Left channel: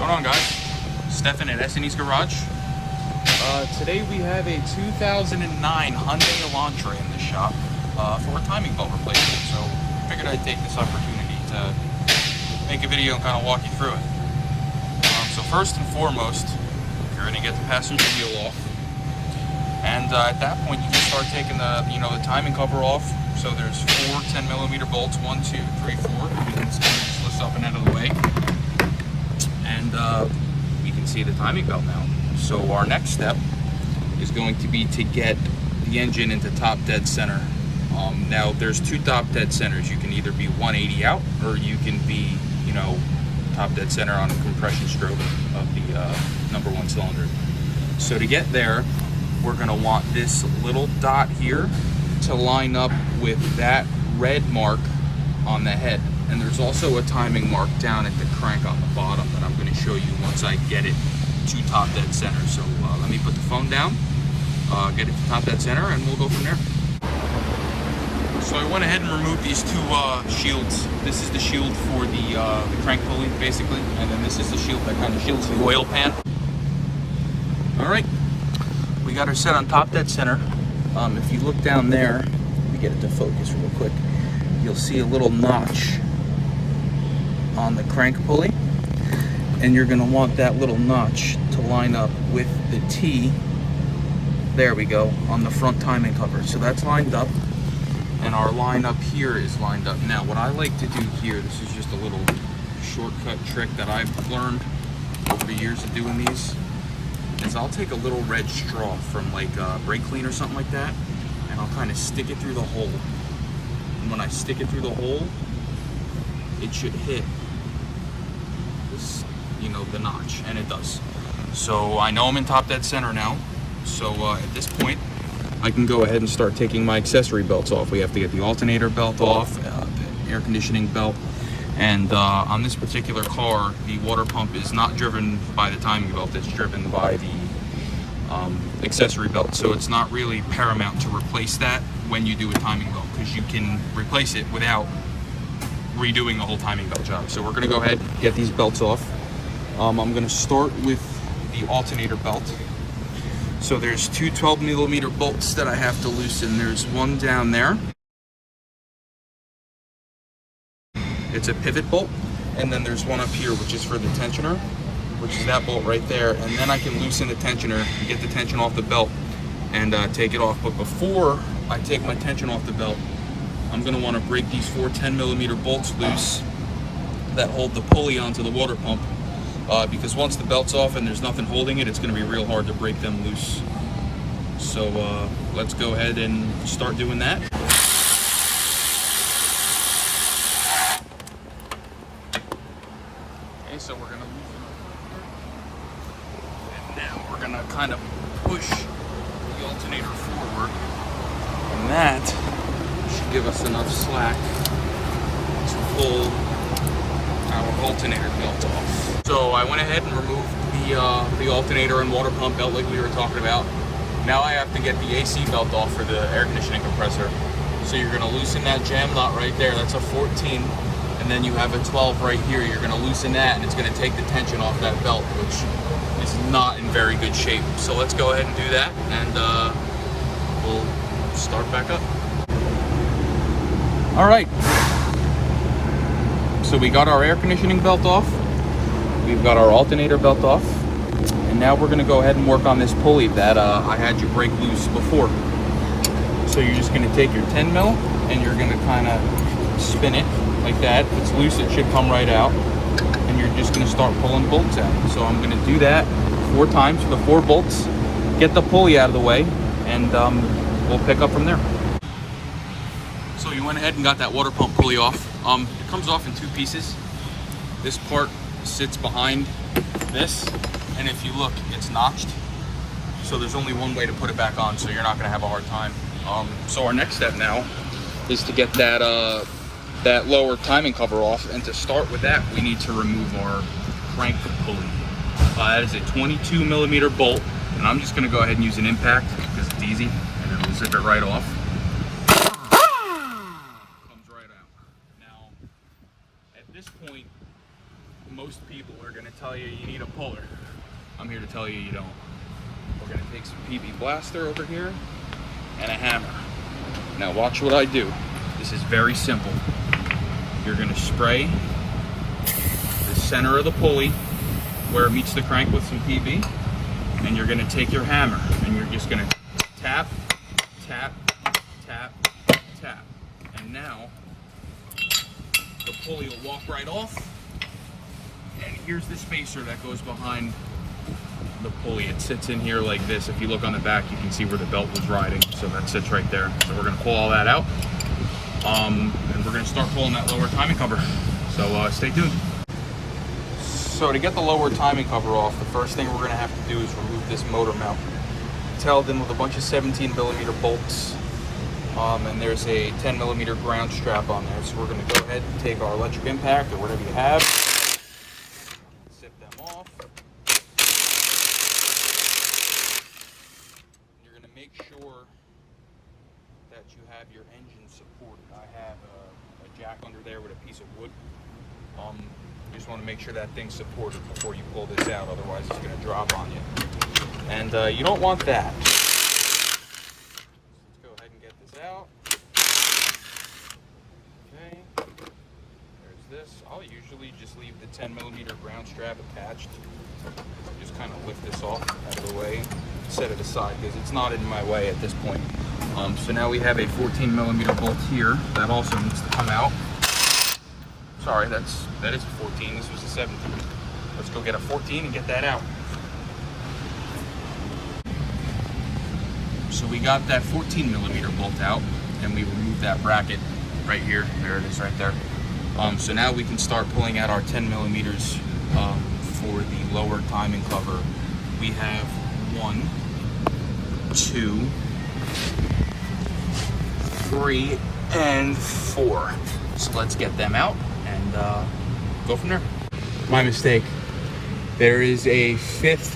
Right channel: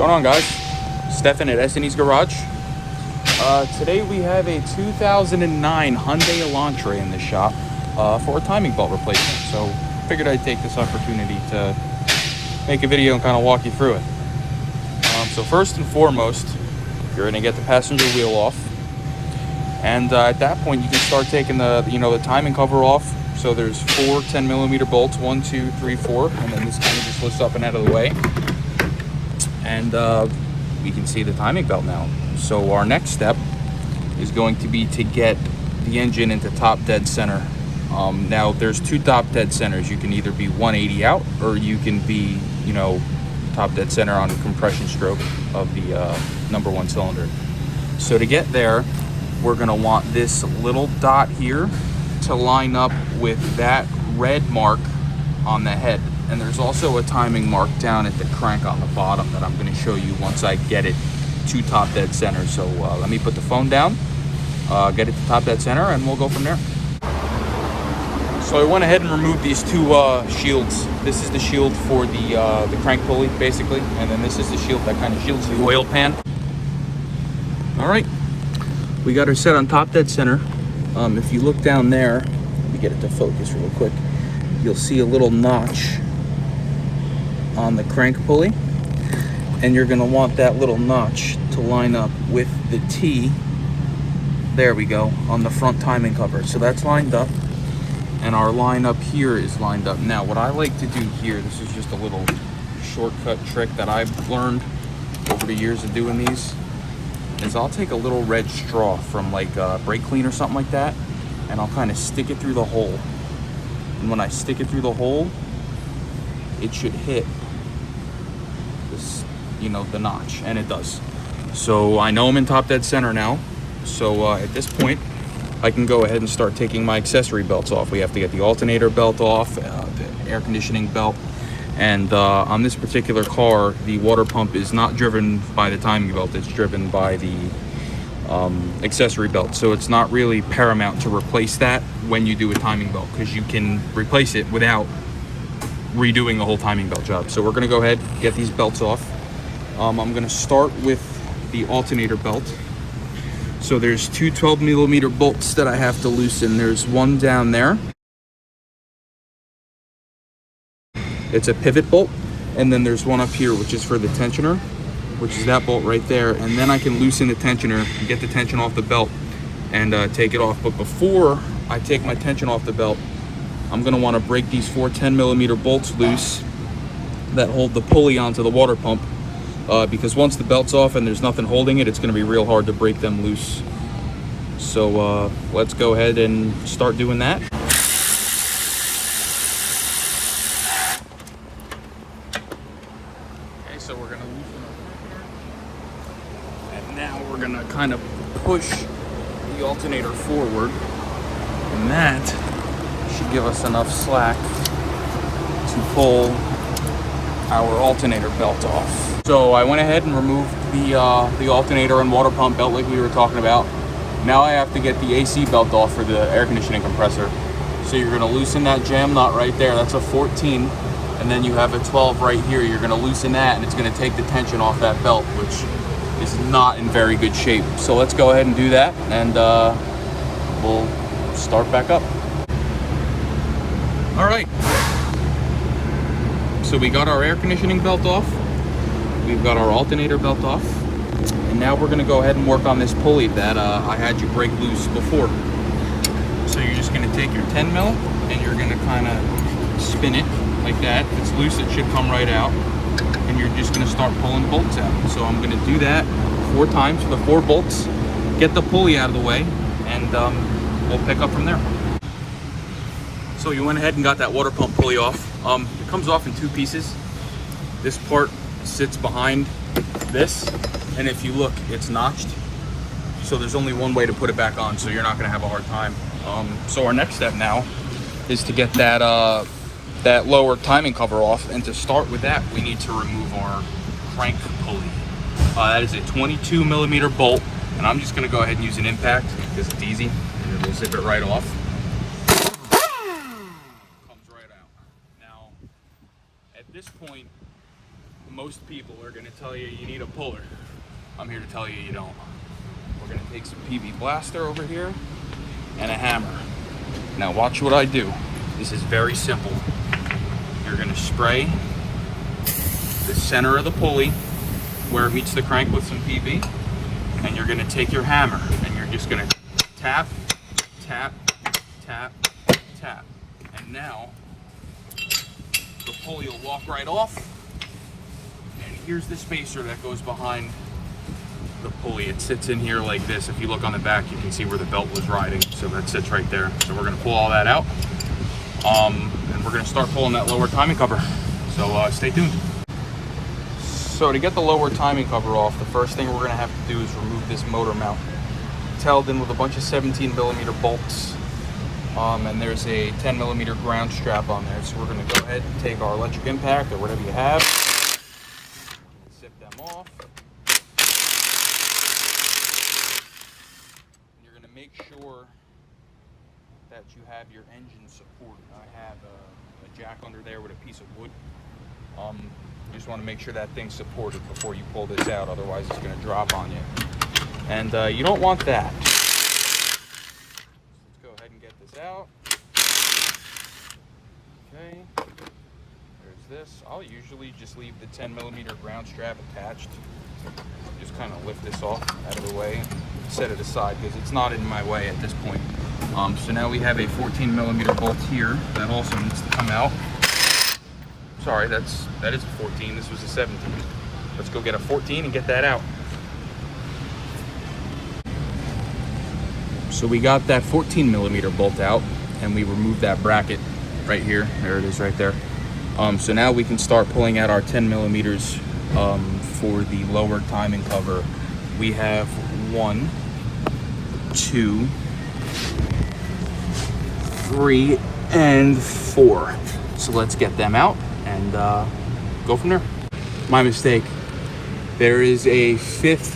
Going on, guys? Stefan at S&E's Garage. Today we have a 2009 Hyundai Elantra in the shop for a timing belt replacement. So figured I'd take this opportunity to make a video and kind of walk you through it. So first and foremost, you're going to get the passenger wheel off, and at that point you can start taking the timing cover off. So there's 4 10mm bolts, 1, 2, 3, 4, and then this kind of just lifts up and out of the way. And we can see the timing belt now. So our next step is going to be to get the engine into top dead center. Now there's 2 top dead centers. You can either be 180 out, or you can be, top dead center on a compression stroke of the number 1 cylinder. So to get there, we're gonna want this little dot here to line up with that red mark on the head. And there's also a timing mark down at the crank on the bottom that I'm gonna show you once I get it to top dead center. So let me put the phone down, get it to top dead center, and we'll go from there. So I went ahead and removed these 2 shields. This is the shield for the crank pulley, basically, and then this is the shield that kind of shields the oil pan. All right, we got her set on top dead center. If you look down there, let me get it to focus real quick, you'll see a little notch on the crank pulley, and you're gonna want that little notch to line up with the T, there we go, on the front timing cover. So that's lined up, and our line up here is lined up. Now what I like to do here, this is just a little shortcut trick that I've learned over the years of doing these, is I'll take a little red straw from like brake clean or something like that, and I'll kind of stick it through the hole. And when I stick it through the hole, it should hit this, the notch, and it does. So I know I'm in top dead center now. So at this point, I can go ahead and start taking my accessory belts off. We have to get the alternator belt off, the air conditioning belt, and on this particular car, the water pump is not driven by the timing belt, it's driven by the accessory belt. So it's not really paramount to replace that when you do a timing belt, because you can replace it without redoing the whole timing belt job. So we're gonna go ahead and get these belts off. I'm gonna start with the alternator belt. So there's 2 12mm bolts that I have to loosen. There's one down there. It's a pivot bolt. And then there's one up here, which is for the tensioner, which is that bolt right there. And then I can loosen the tensioner, get the tension off the belt, and take it off. But before I take my tension off the belt, I'm gonna wanna break these 4 10mm bolts loose that hold the pulley onto the water pump. Because once the belt's off and there's nothing holding it, it's gonna be real hard to break them loose. So let's go ahead and start doing that. Okay, so we're gonna loosen up. And now we're gonna kind of push the alternator forward. And that should give us enough slack to pull our alternator belt off. So I went ahead and removed the alternator and water pump belt like we were talking about. Now I have to get the AC belt off for the air conditioning compressor. So you're gonna loosen that jam nut right there. That's a 14. And then you have a 12 right here. You're gonna loosen that, and it's gonna take the tension off that belt, which is not in very good shape. So let's go ahead and do that, and we'll start back up. All right. So we got our air conditioning belt off. We've got our alternator belt off. And now we're gonna go ahead and work on this pulley that I had you break loose before. So you're just gonna take your 10mm and you're gonna kind of spin it like that. If it's loose, it should come right out. And you're just gonna start pulling bolts out. So I'm gonna do that 4 times for the 4 bolts, get the pulley out of the way, and we'll pick up from there. So you went ahead and got that water pump pulley off. It comes off in 2 pieces. This part sits behind this, and if you look, it's notched. So there's only one way to put it back on, so you're not gonna have a hard time. So our next step now is to get that lower timing cover off, and to start with that, we need to remove our crank pulley. That is a 22mm bolt, and I'm just gonna go ahead and use an impact because it's easy, and it'll zip it right off. Most people are going to tell you you need a puller. I'm here to tell you you don't. We're going to take some PB Blaster over here and a hammer. Now watch what I do. This is very simple. You're going to spray the center of the pulley where it meets the crank with some PB, and you're going to take your hammer and you're just going to tap, tap, tap, tap. And now the pulley will walk right off. And here's the spacer that goes behind the pulley. It sits in here like this. If you look on the back, you can see where the belt was riding. So that sits right there. So we're going to pull all that out. And we're going to start pulling that lower timing cover. So stay tuned. So to get the lower timing cover off, the first thing we're going to have to do is remove this motor mount. It's held in with a bunch of 17mm bolts. And there's a 10mm ground strap on there. So we're going to go ahead and take our electric impact or whatever you have. Zip them off. You're going to make sure that you have your engine supported. I have a jack under there with a piece of wood. I just want to make sure that thing's supported before you pull this out, otherwise it's going to drop on you. And you don't want that. Let's go ahead and get this out. Okay, there's this. I'll usually just leave the 10mm ground strap attached. Just kind of lift this off out of the way, set it aside because it's not in my way at this point. So now we have a 14mm bolt here that also needs to come out. Sorry, that is a 14. This was a 17. Let's go get a 14 and get that out. So we got that 14mm bolt out, and we removed that bracket right here. There it is, right there. So now we can start pulling out our 10mm for the lower timing cover. We have 1, 2, 3, and 4. So let's get them out and go from there. My mistake. There is a 5th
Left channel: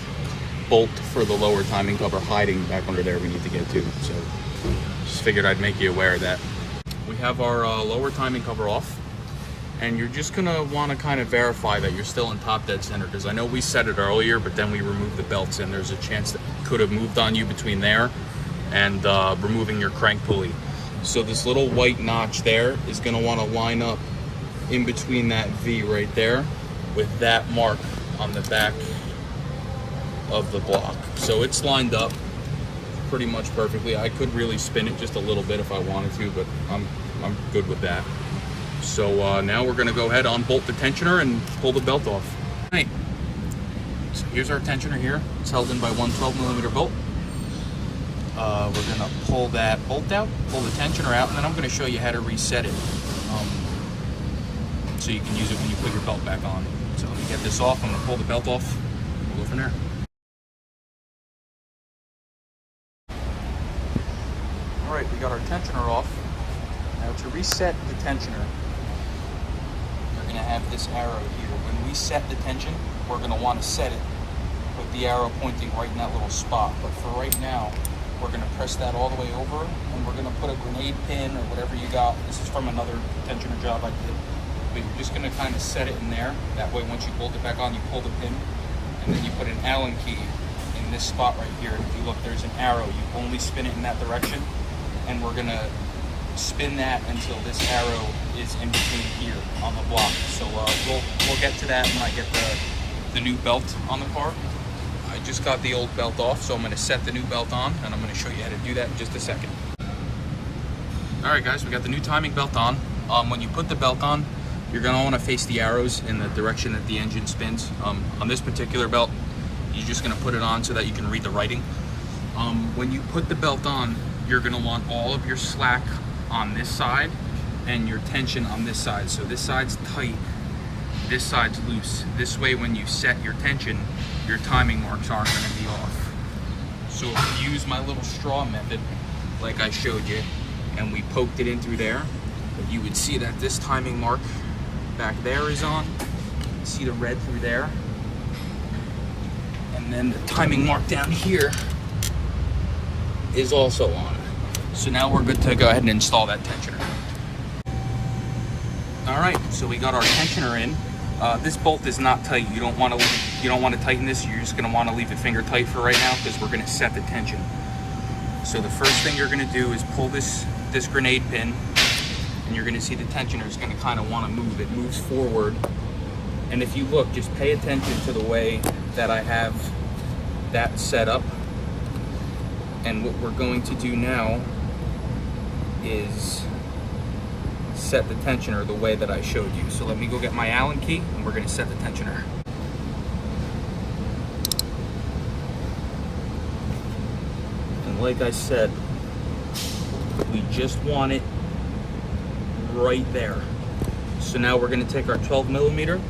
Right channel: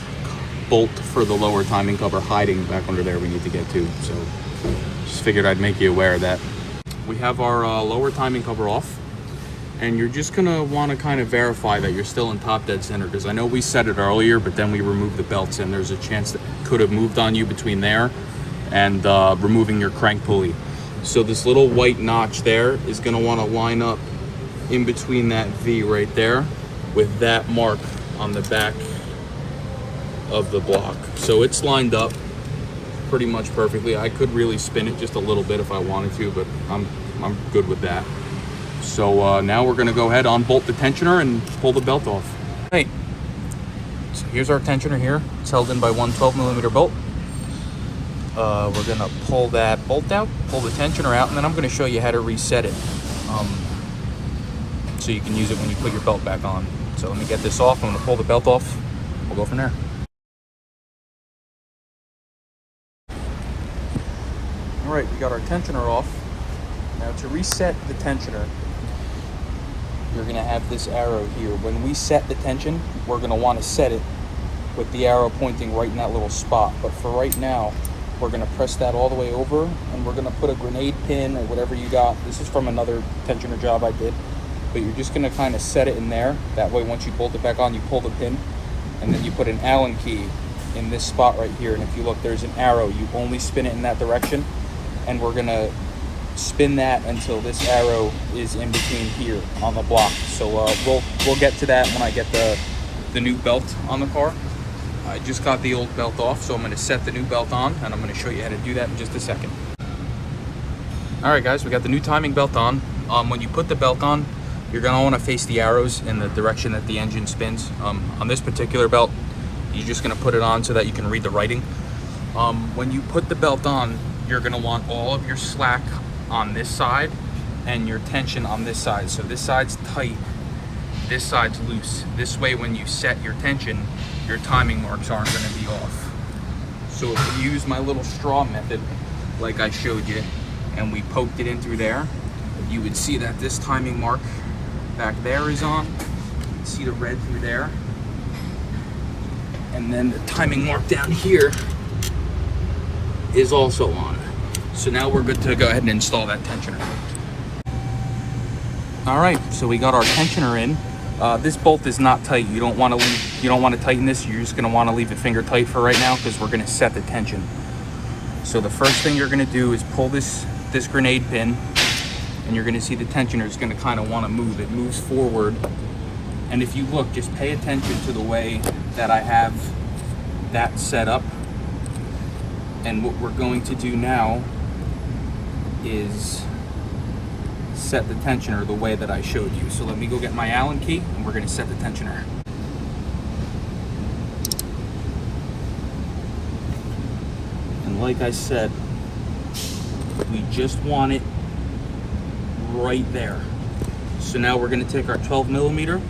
bolt for the lower timing cover hiding back under there we need to get to. So just figured I'd make you aware of that. We have our lower timing cover off, and you're just gonna want to kind of verify that you're still in top dead center, because I know we set it earlier, but then we removed the belts and there's a chance that it could have moved on you between there and removing your crank pulley. So this little white notch there is going to want to line up in between that V right there with that mark on the back of the block. So it's lined up pretty much perfectly. I could really spin it just a little bit if I wanted to, but I'm good with that. So now we're going to go ahead, unbolt the tensioner and pull the belt off. Right. So here's our tensioner here. It's held in by one 12mm bolt. We're gonna pull that bolt out, pull the tensioner out, and then I'm gonna show you how to reset it so you can use it when you put your belt back on. So let me get this off. I'm gonna pull the belt off. We'll go from there. All right, we got our tensioner off. Now to reset the tensioner, you're gonna have this arrow here. When we set the tension, we're gonna want to set it with the arrow pointing right in that little spot. But for right now, we're going to press that all the way over, and we're going to put a grenade pin or whatever you got. This is from another tensioner job I did, but you're just going to kind of set it in there. That way, once you bolt it back on, you pull the pin, and then you put an Allen key in this spot right here. And if you look, there's an arrow. You only spin it in that direction, and we're going to spin that until this arrow is in between here on the block. So we'll get to that when I get the new belt on the car. I just got the old belt off, so I'm going to set the new belt on, and I'm going to show you how to do that in just a second. Alright guys, we got the new timing belt on. When you put the belt on, you're going to want to face the arrows in the direction that the engine spins. On this particular belt, you're just going to put it on so that you can read the writing. When you put the belt on, you're going to want all of your slack on this side and your tension on this side. So this side's tight, this side's loose. This way, when you set your tension, your timing marks aren't going to be off. So if you use my little straw method, like I showed you, and we poked it in through there, you would see that this timing mark back there is on. See the red through there. And then the timing mark down here is also on. So now we're good to go ahead and install that tensioner. All right, so we got our tensioner in. This bolt is not tight. You don't want to tighten this. You're just going to want to leave it finger tight for right now because we're going to set the tension. So the first thing you're going to do is pull this grenade pin, and you're going to see the tensioner is going to kind of want to move. It moves forward. And if you look, just pay attention to the way that I have that set up. And what we're going to do now is set the tensioner the way that I showed you. So let me go get my Allen key and we're going to set the tensioner. And like I said, we just want it right there. So now we're going to take our 12 millimeter,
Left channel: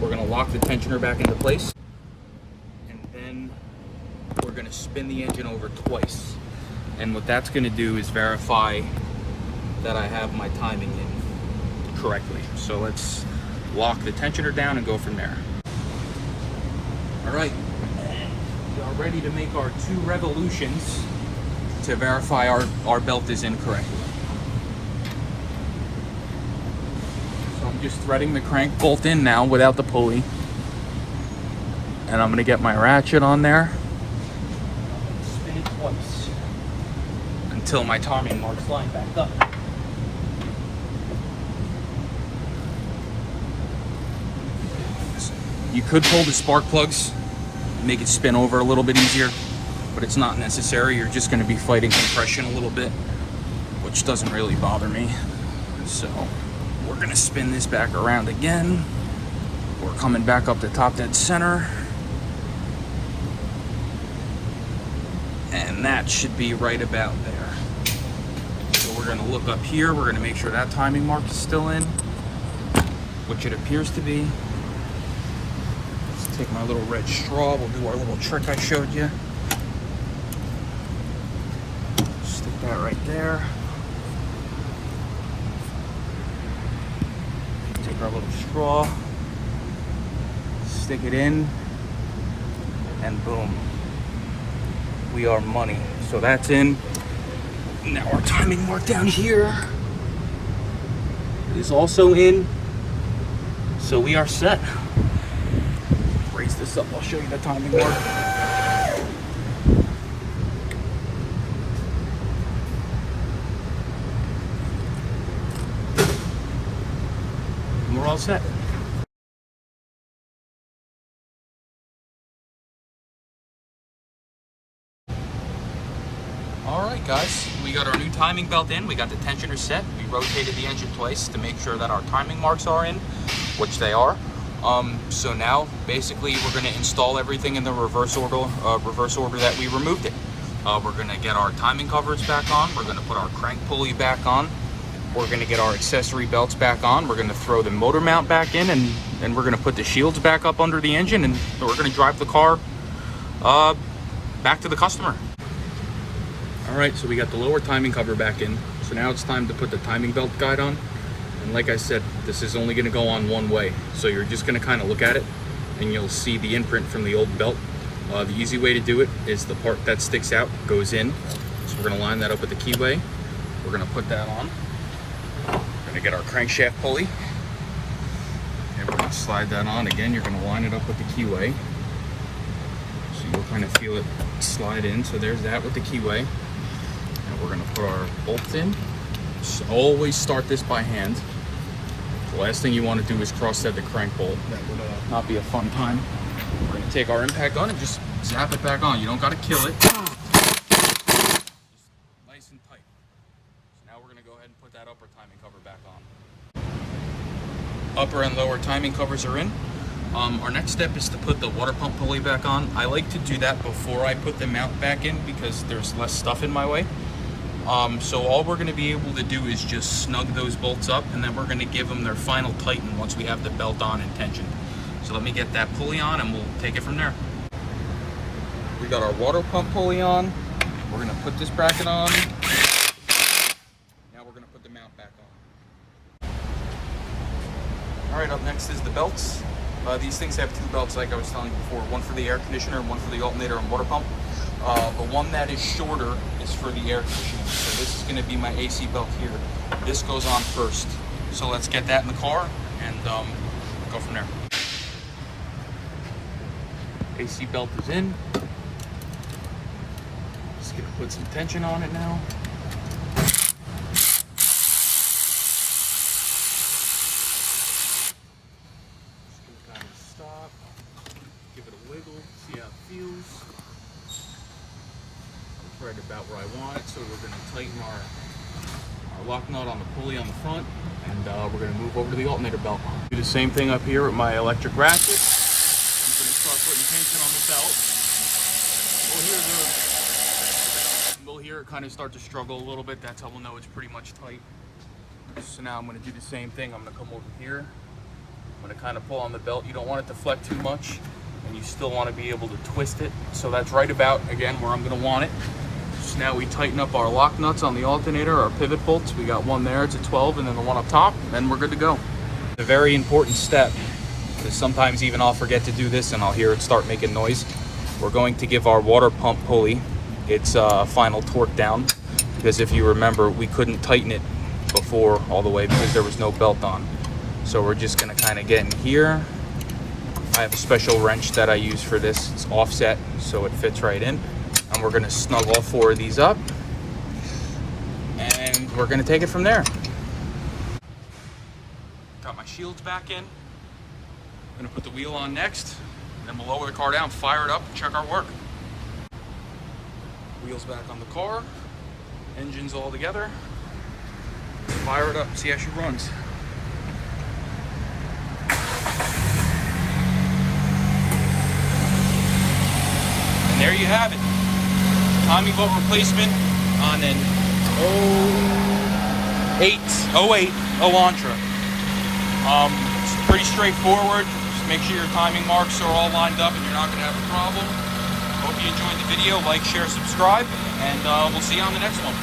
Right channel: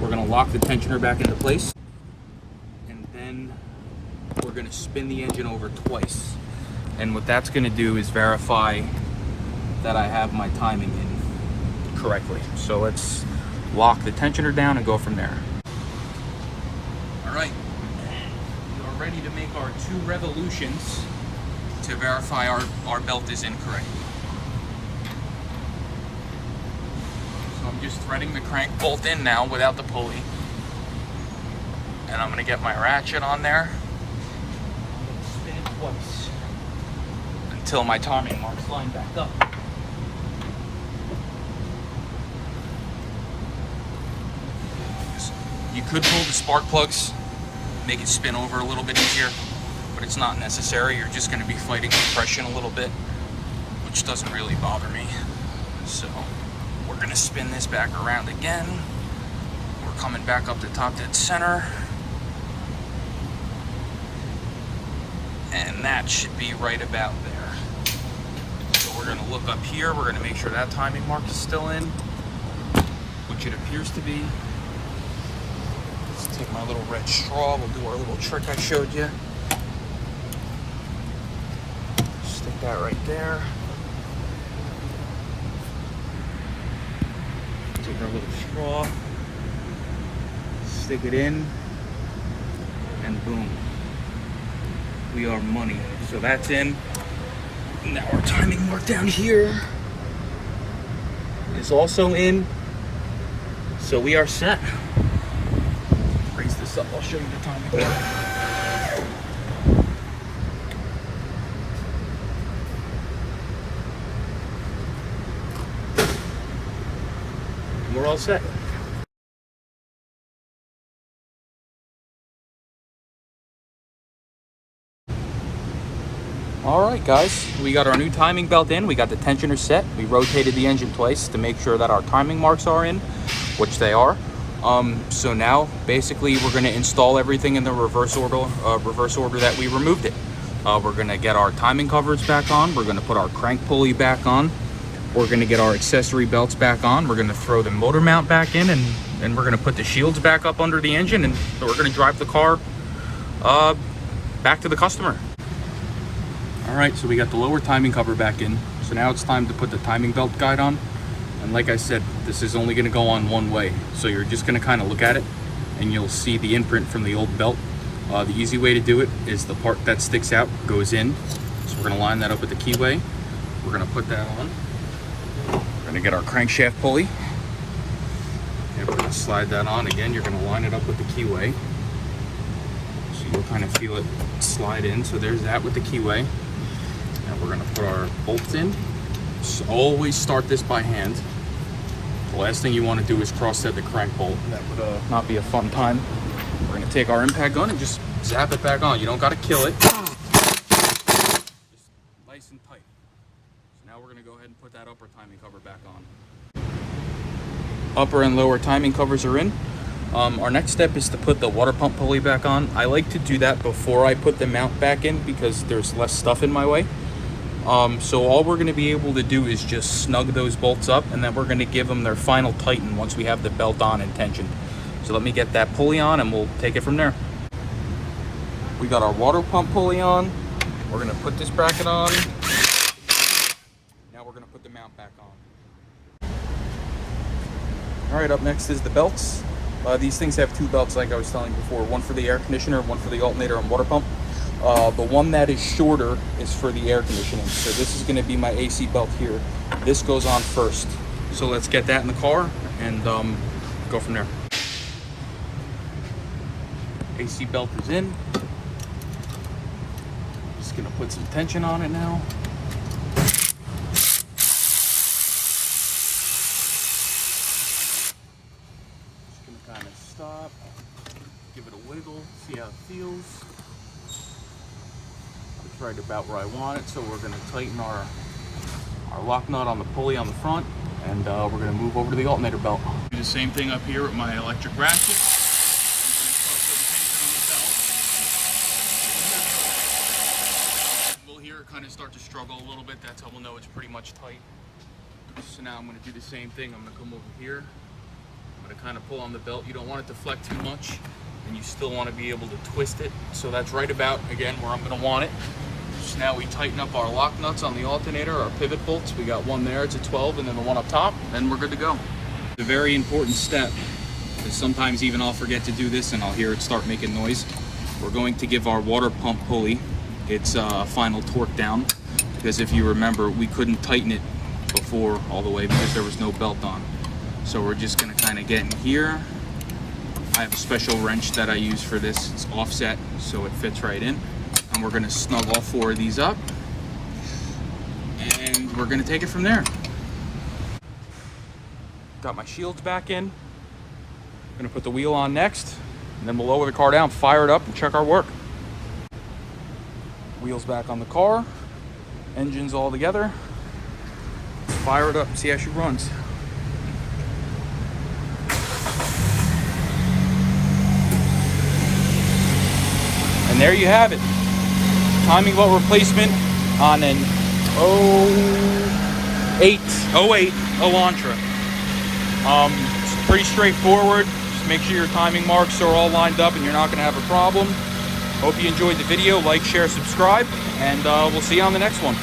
we're going to lock the tensioner back into place, and then we're going to spin the engine over twice. And what that's going to do is verify that I have my timing in correctly. So let's lock the tensioner down and go from there. All right, we are ready to make our 2 revolutions to verify our belt is in correctly. So I'm just threading the crank bolt in now without the pulley. And I'm gonna get my ratchet on there. Spin it twice until my timing marks line back up. You could pull the spark plugs, make it spin over a little bit easier, but it's not necessary. You're just going to be fighting compression a little bit, which doesn't really bother me. So we're going to spin this back around again. We're coming back up the top dead center. And that should be right about there. So we're going to look up here. We're going to make sure that timing mark is still in, which it appears to be. Take my little red straw, we'll do our little trick I showed you. Stick that right there. Take our little straw, stick it in, and boom. We are money. So that's in. Now our timing mark down here is also in. So we are set. This up. I'll show you the timing mark. We're all set. All right, guys, we got our new timing belt in. We got the tensioner set. We rotated the engine twice to make sure that our timing marks are in, which they are. So now basically we're going to install everything in the reverse order that we removed it. We're going to get our timing covers back on. We're going to put our crank pulley back on. We're going to get our accessory belts back on. We're going to throw the motor mount back in, and we're going to put the shields back up under the engine, and we're going to drive the car back to the customer. All right, so we got the lower timing cover back in. So now it's time to put the timing belt guide on. And like I said, this is only going to go on one way. So you're just going to kind of look at it and you'll see the imprint from the old belt. The easy way to do it is the part that sticks out goes in. So we're going to line that up with the keyway. We're going to put that on. We're going to get our crankshaft pulley. And we're going to slide that on. Again, you're going to line it up with the keyway. So you'll kind of feel it slide in. So there's that with the keyway. And we're going to put our bolts in. So always start this by hand. The last thing you want to do is cross-thread the crank bolt. That would not be a fun time. Take our impact gun and just zap it back on. You don't got to kill it. Just nice and tight. So now we're going to go ahead and put that upper timing cover back on. Upper and lower timing covers are in. Our next step is to put the water pump pulley back on. I like to do that before I put the mount back in because there's less stuff in my way. So all we're going to be able to do is just snug those bolts up, and then we're going to give them their final tighten once we have the belt on and tensioned. So let me get that pulley on and we'll take it from there. We got our water pump pulley on. We're going to put this bracket on. Now we're going to put the mount back on. All right, up next is the belts. These things have 2 belts like I was telling you before, one for the air conditioner, one for the alternator and water pump. The one that is shorter is for the air conditioning. So this is going to be my AC belt here. This goes on first. So let's get that in the car and go from there. AC belt is in. Just gonna put some tension on it now. Just gonna kind of stop, give it a wiggle, see how it feels. It's right about where I want it, so we're gonna tighten our lock nut on the pulley on the front, and we're gonna move over to the alternator belt. Do the same thing up here with my electric ratchet. Start putting tension on the belt. We'll hear it kind of start to struggle a little bit. That's how we'll know it's pretty much tight. So now I'm gonna do the same thing. I'm gonna come over here. I'm gonna kind of pull on the belt. You don't want it to flex too much, and you still want to be able to twist it. So that's right about, again, where I'm gonna want it. So now we tighten up our lock nuts on the alternator, our pivot bolts. We got one there, it's a 12, and then the one up top, and we're good to go. A very important step, because sometimes even I'll forget to do this and I'll hear it start making noise. We're going to give our water pump pulley its final torque down, because if you remember, we couldn't tighten it before all the way because there was no belt on. So we're just gonna kind of get in here. I have a special wrench that I use for this. It's offset, so it fits right in. And we're gonna snug all 4 of these up, and we're gonna take it from there. Got my shields back in. Gonna put the wheel on next, and then we'll lower the car down, fire it up, and check our work. Wheels back on the car, engines all together. Fire it up, see how she runs. And there you have it. Timing belt replacement on an 08 Elantra. It's pretty straightforward. Just make sure your timing marks are all lined up and you're not going to have a problem. Hope you enjoyed the video. Like, share, subscribe, and we'll see you on the next one.